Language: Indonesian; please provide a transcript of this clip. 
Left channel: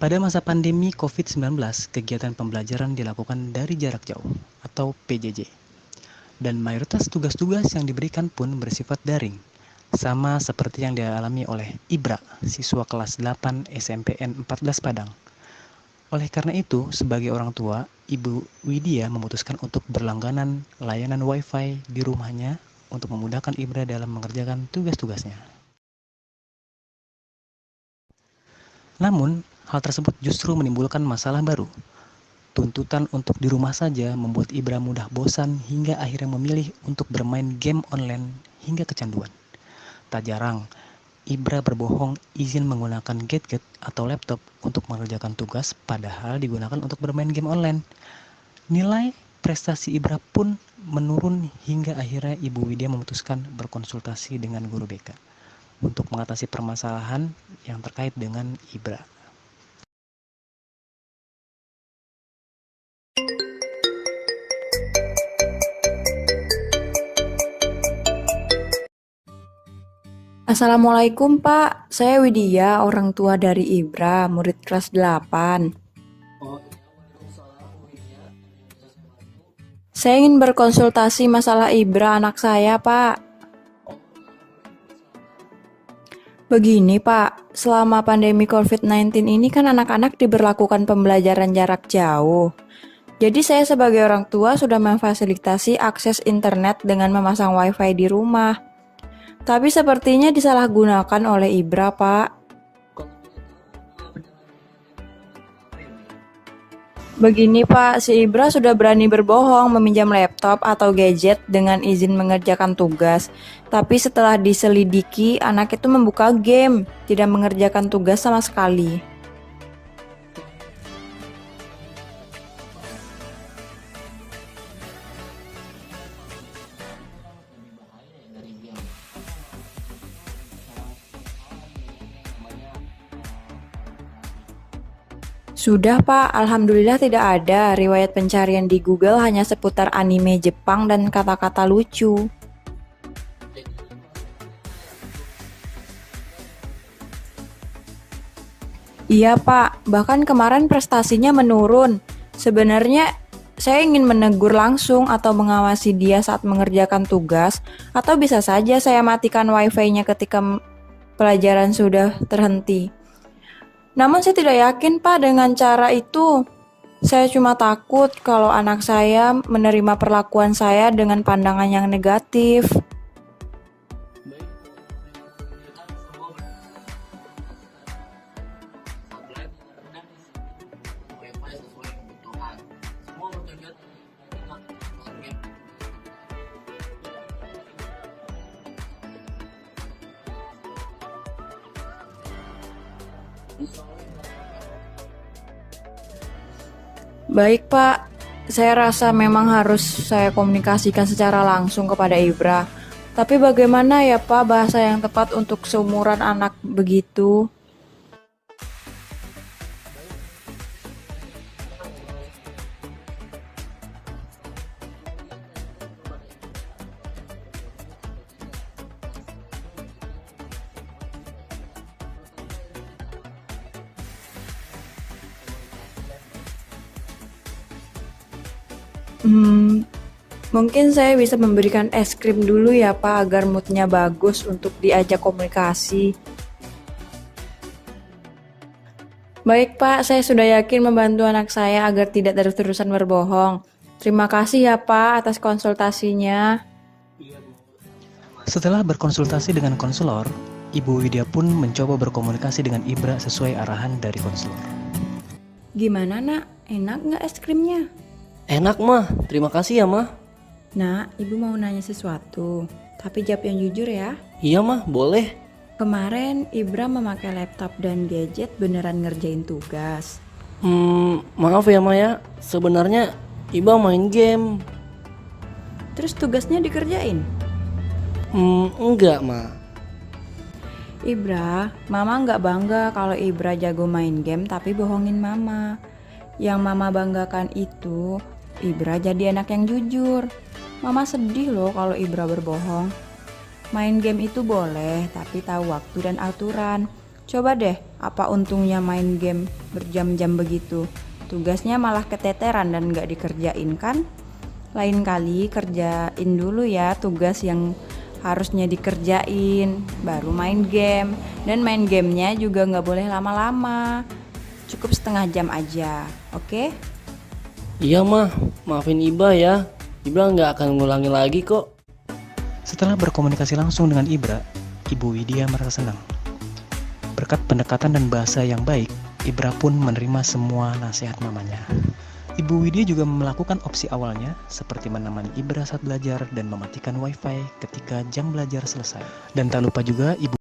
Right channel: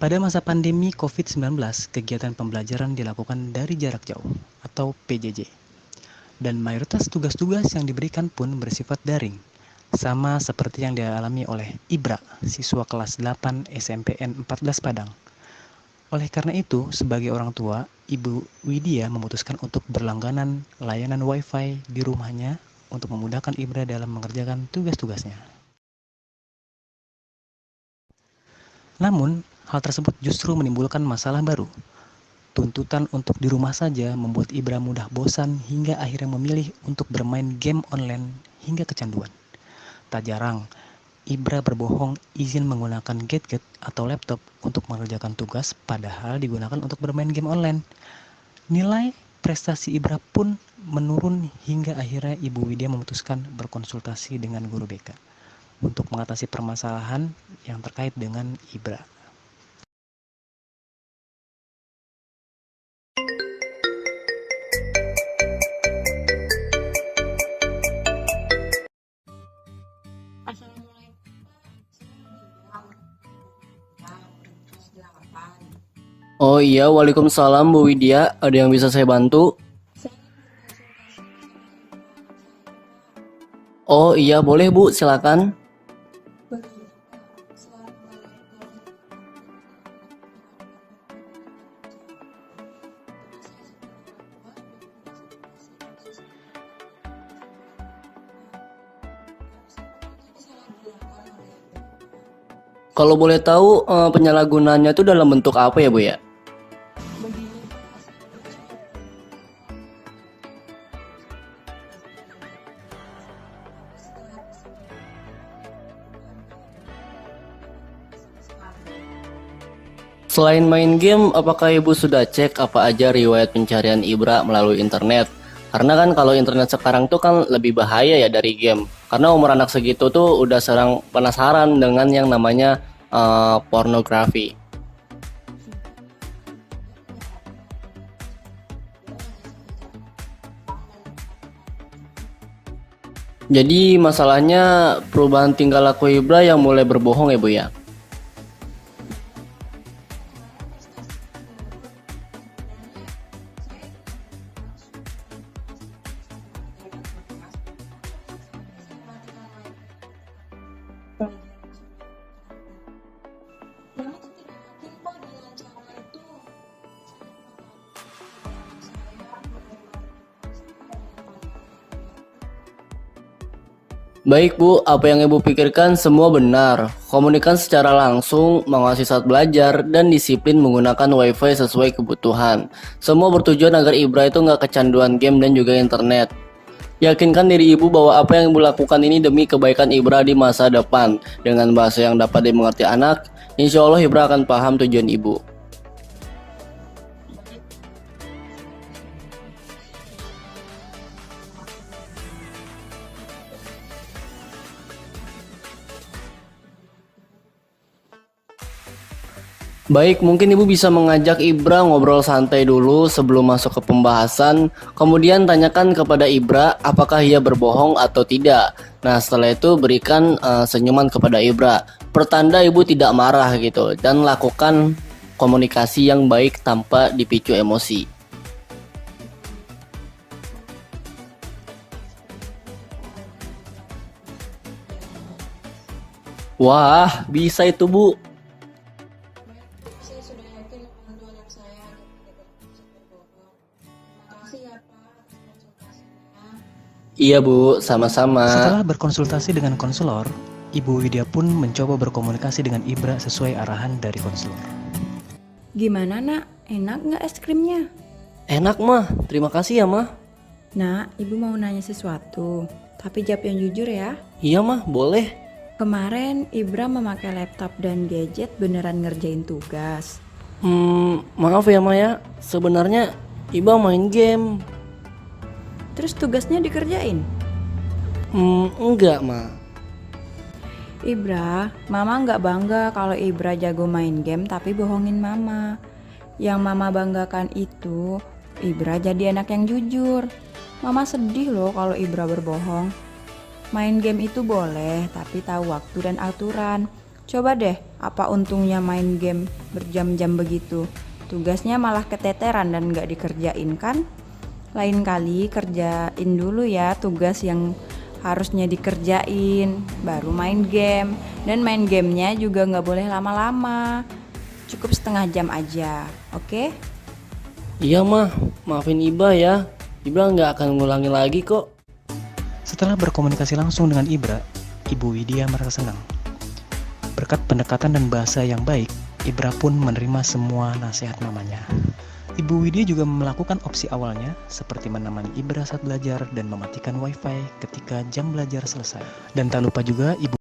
Pada masa pandemi COVID-19, kegiatan pembelajaran dilakukan dari jarak jauh atau PJJ. Dan mayoritas tugas-tugas yang diberikan pun bersifat daring, sama seperti yang dialami oleh Ibra, siswa kelas 8 SMPN 14 Padang. Oleh karena itu, sebagai orang tua, Ibu Widya memutuskan untuk berlangganan layanan Wi-Fi di rumahnya untuk memudahkan Ibra dalam mengerjakan tugas-tugasnya. Namun, hal tersebut justru menimbulkan masalah baru. Tuntutan untuk di rumah saja membuat Ibra mudah bosan hingga akhirnya memilih untuk bermain game online hingga kecanduan. Tak jarang, Ibra berbohong izin menggunakan gadget atau laptop untuk mengerjakan tugas padahal digunakan untuk bermain game online. Nilai prestasi Ibra pun menurun hingga akhirnya Ibu Widya memutuskan berkonsultasi dengan guru BK untuk mengatasi permasalahan yang terkait dengan Ibra. Assalamualaikum Pak, saya Widya, orang tua dari Ibra, murid kelas 8. Oh iya, waalaikumsalam Bu Widya. Ada yang bisa saya bantu? Saya ingin berkonsultasi masalah Ibra anak saya Pak. Oh iya, boleh Bu, silakan. Begini Pak, selama pandemi COVID-19 ini kan anak-anak diberlakukan pembelajaran jarak jauh. Jadi saya sebagai orang tua sudah memfasilitasi akses internet dengan memasang wifi di rumah. Tapi sepertinya disalahgunakan oleh Ibra Pak. Kalau boleh tahu, penyalahgunaannya itu dalam bentuk apa ya Bu ya? Begini Pak, si Ibra sudah berani berbohong meminjam laptop atau gadget dengan izin mengerjakan tugas. Tapi setelah diselidiki, anak itu membuka game, tidak mengerjakan tugas sama sekali. Selain main game, apakah Ibu sudah cek apa aja riwayat pencarian Ibra melalui internet? Karena kan kalau internet sekarang tuh kan lebih bahaya ya dari game. Karena umur anak segitu tuh udah sering penasaran dengan yang namanya pornografi. Sudah Pak, Alhamdulillah tidak ada. Riwayat pencarian di Google hanya seputar anime Jepang dan kata-kata lucu. Jadi masalahnya perubahan tingkah laku Ibra yang mulai berbohong ya Bu ya? Iya Pak, bahkan kemarin prestasinya menurun. Sebenarnya saya ingin menegur langsung atau mengawasi dia saat mengerjakan tugas, atau bisa saja saya matikan wifi-nya ketika pelajaran sudah terhenti. Namun saya tidak yakin Pak dengan cara itu. Saya cuma takut kalau anak saya menerima perlakuan saya dengan pandangan yang negatif. Baik Bu, apa yang Ibu pikirkan semua benar. Komunikasi secara langsung, mengawasi saat belajar, dan disiplin menggunakan wifi sesuai kebutuhan. Semua bertujuan agar Ibra itu nggak kecanduan game dan juga internet. Yakinkan diri Ibu bahwa apa yang Ibu lakukan ini demi kebaikan Ibra di masa depan. Dengan bahasa yang dapat dimengerti anak, insya Allah Ibra akan paham tujuan Ibu. Baik Pak, saya rasa memang harus saya komunikasikan secara langsung kepada Ibra. Tapi bagaimana ya Pak bahasa yang tepat untuk seumuran anak begitu? Baik, mungkin Ibu bisa mengajak Ibra ngobrol santai dulu sebelum masuk ke pembahasan. Kemudian tanyakan kepada Ibra apakah ia berbohong atau tidak. Nah, setelah itu berikan senyuman kepada Ibra. Pertanda Ibu tidak marah gitu. Dan lakukan komunikasi yang baik tanpa dipicu emosi. Mungkin saya bisa memberikan es krim dulu ya Pak agar moodnya bagus untuk diajak komunikasi. Wah, bisa itu Bu. Baik Pak, saya sudah yakin membantu anak saya agar tidak terus-terusan berbohong. Terima kasih ya Pak atas konsultasinya. Iya Bu, sama-sama. Setelah berkonsultasi dengan konselor, Ibu Widya pun mencoba berkomunikasi dengan Ibra sesuai arahan dari konselor. Gimana nak? Enak nggak es krimnya? Enak mah, terima kasih ya mah. Nak, ibu mau nanya sesuatu. Tapi jawab yang jujur ya. Iya mah, boleh. Kemarin Ibra memakai laptop dan gadget beneran ngerjain tugas. Maaf ya Maya, sebenarnya Iba main game. Terus tugasnya dikerjain? Enggak Ma. Ibra, Mama nggak bangga kalau Ibra jago main game tapi bohongin Mama. Yang Mama banggakan itu Ibra jadi anak yang jujur. Mama sedih loh kalau Ibra berbohong. Main game itu boleh, tapi tahu waktu dan aturan. Coba deh, apa untungnya main game berjam-jam begitu? Tugasnya malah keteteran dan gak dikerjain kan? Lain kali kerjain dulu ya tugas yang harusnya dikerjain, baru main game. Dan main gamenya juga gak boleh lama-lama, cukup setengah jam aja, oke? Iya mah, maafin Ibra ya. Ibra nggak akan ngulangi lagi kok. Setelah berkomunikasi langsung dengan Ibra, Ibu Widya merasa senang. Berkat pendekatan dan bahasa yang baik, Ibra pun menerima semua nasihat mamanya. Ibu Widya juga melakukan opsi awalnya, seperti menemani Ibra saat belajar dan mematikan wifi ketika jam belajar selesai. Dan tak lupa juga Ibu